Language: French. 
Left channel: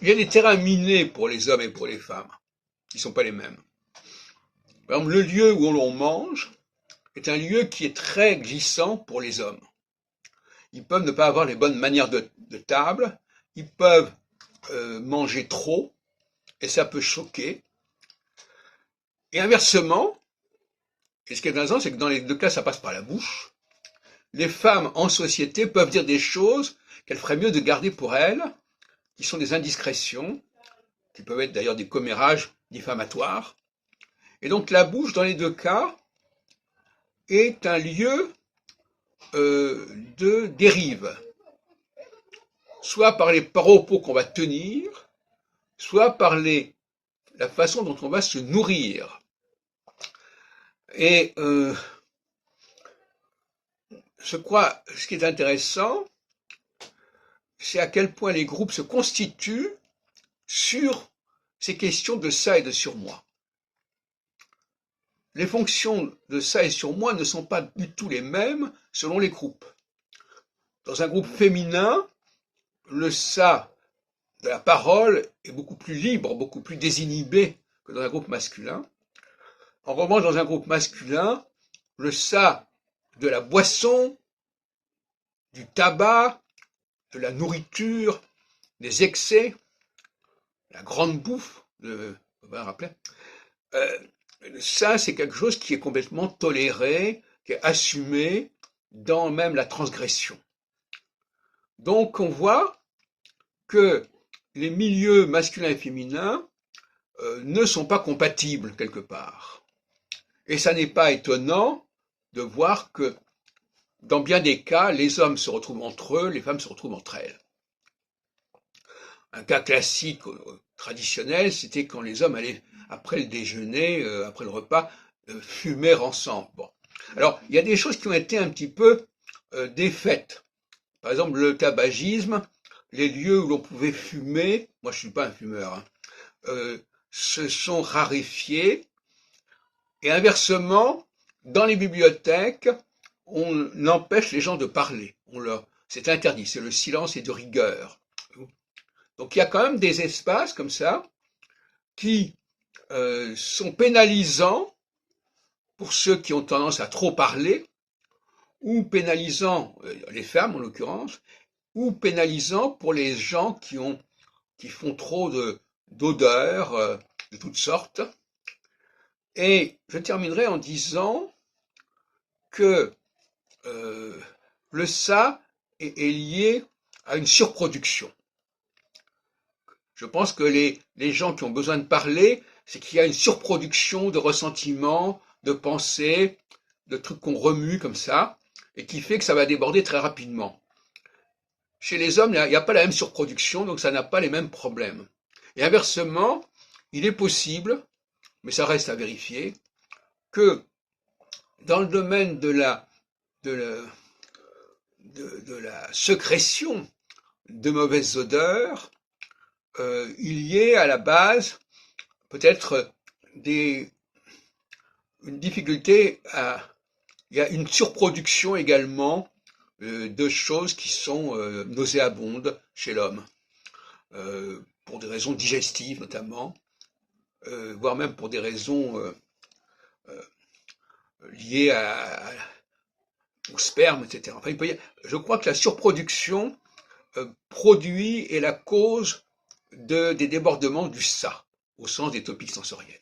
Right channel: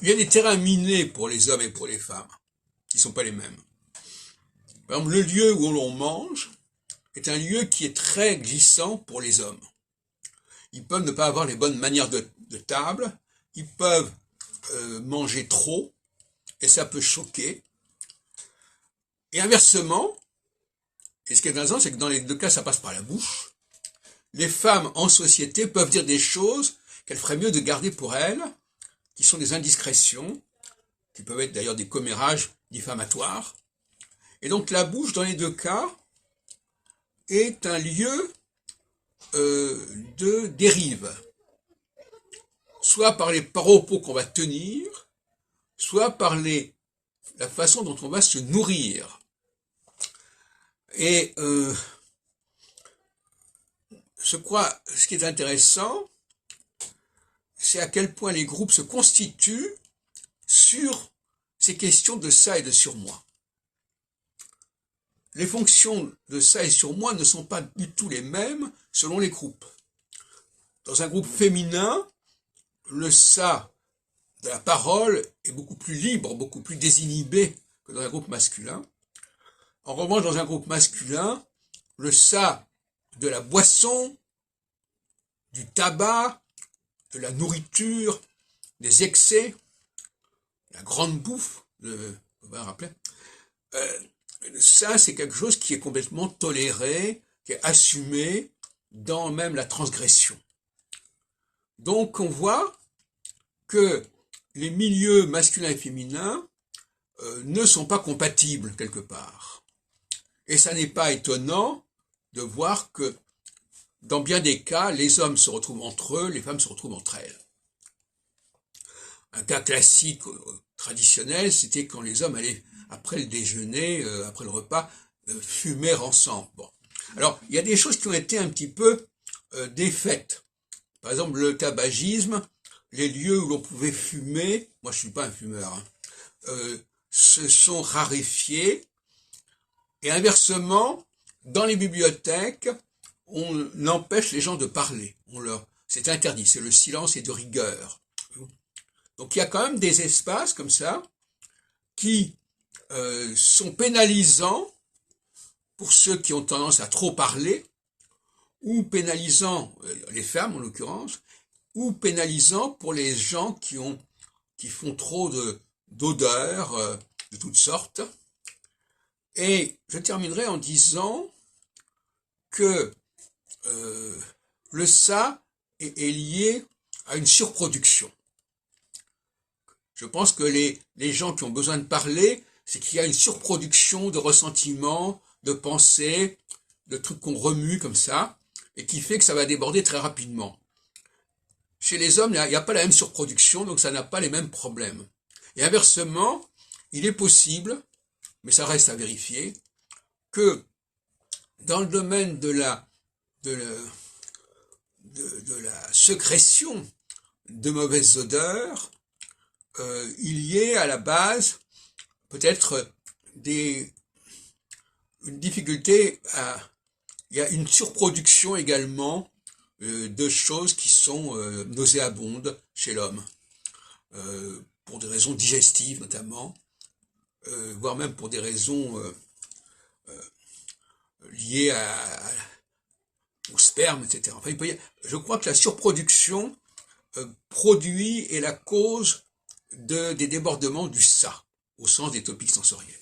il y a des terrains minés pour les hommes et pour les femmes, qui ne sont pas les mêmes. Par exemple, le lieu où l'on mange est un lieu qui est très glissant pour les hommes. Ils peuvent ne pas avoir les bonnes manières de table, ils peuvent manger trop, et ça peut choquer. Et inversement, et ce qui est intéressant, c'est que dans les deux cas, ça passe par la bouche. Les femmes en société peuvent dire des choses qu'elles feraient mieux de garder pour elles, qui sont des indiscrétions, qui peuvent être d'ailleurs des commérages diffamatoires. Et donc la bouche, dans les deux cas, est un lieu de dérive, soit par les propos qu'on va tenir, soit par la façon dont on va se nourrir. Et ce qui est intéressant, c'est à quel point les groupes se constituent sur ces questions de ça et de surmoi. Les fonctions de ça et surmoi ne sont pas du tout les mêmes selon les groupes. Dans un groupe féminin, le ça de la parole est beaucoup plus libre, beaucoup plus désinhibé que dans un groupe masculin. En revanche, dans un groupe masculin, le ça de la boisson, du tabac, de la nourriture, des excès, la grande bouffe, on va rappeler, ça c'est quelque chose qui est complètement toléré, qui est assumé dans même la transgression. Donc on voit que les milieux masculins et féminins ne sont pas compatibles quelque part. Et ça n'est pas étonnant de voir que dans bien des cas, les hommes se retrouvent entre eux, les femmes se retrouvent entre elles. Un cas classique traditionnel, c'était quand les hommes allaient, après le déjeuner, après le repas, fumer ensemble. Bon. Alors, il y a des choses qui ont été un petit peu défaites. Par exemple, le tabagisme, les lieux où l'on pouvait fumer, moi je suis pas un fumeur, hein, se sont raréfiés. Et inversement, dans les bibliothèques, on empêche les gens de parler. C'est interdit, c'est le silence et de rigueur. Donc il y a quand même des espaces comme ça qui sont pénalisants pour ceux qui ont tendance à trop parler, ou pénalisants, les femmes en l'occurrence, ou pénalisants pour les gens qui font trop d'odeurs de toutes sortes. Et je terminerai en disant que le ça est lié à une surproduction. Je pense que les gens qui ont besoin de parler, c'est qu'il y a une surproduction de ressentiments, de pensées, de trucs qu'on remue comme ça, et qui fait que ça va déborder très rapidement. Chez les hommes, il n'y a pas la même surproduction, donc ça n'a pas les mêmes problèmes. Et inversement, il est possible, mais ça reste à vérifier, que dans le domaine de la sécrétion de mauvaises odeurs, il y ait à la base peut-être une difficulté il y a une surproduction également de choses qui sont nauséabondes chez l'homme, pour des raisons digestives notamment, voire même pour des raisons liées au sperme, etc. Enfin, je crois que la surproduction produit est la cause des débordements du ça, au sens des topiques sensoriels.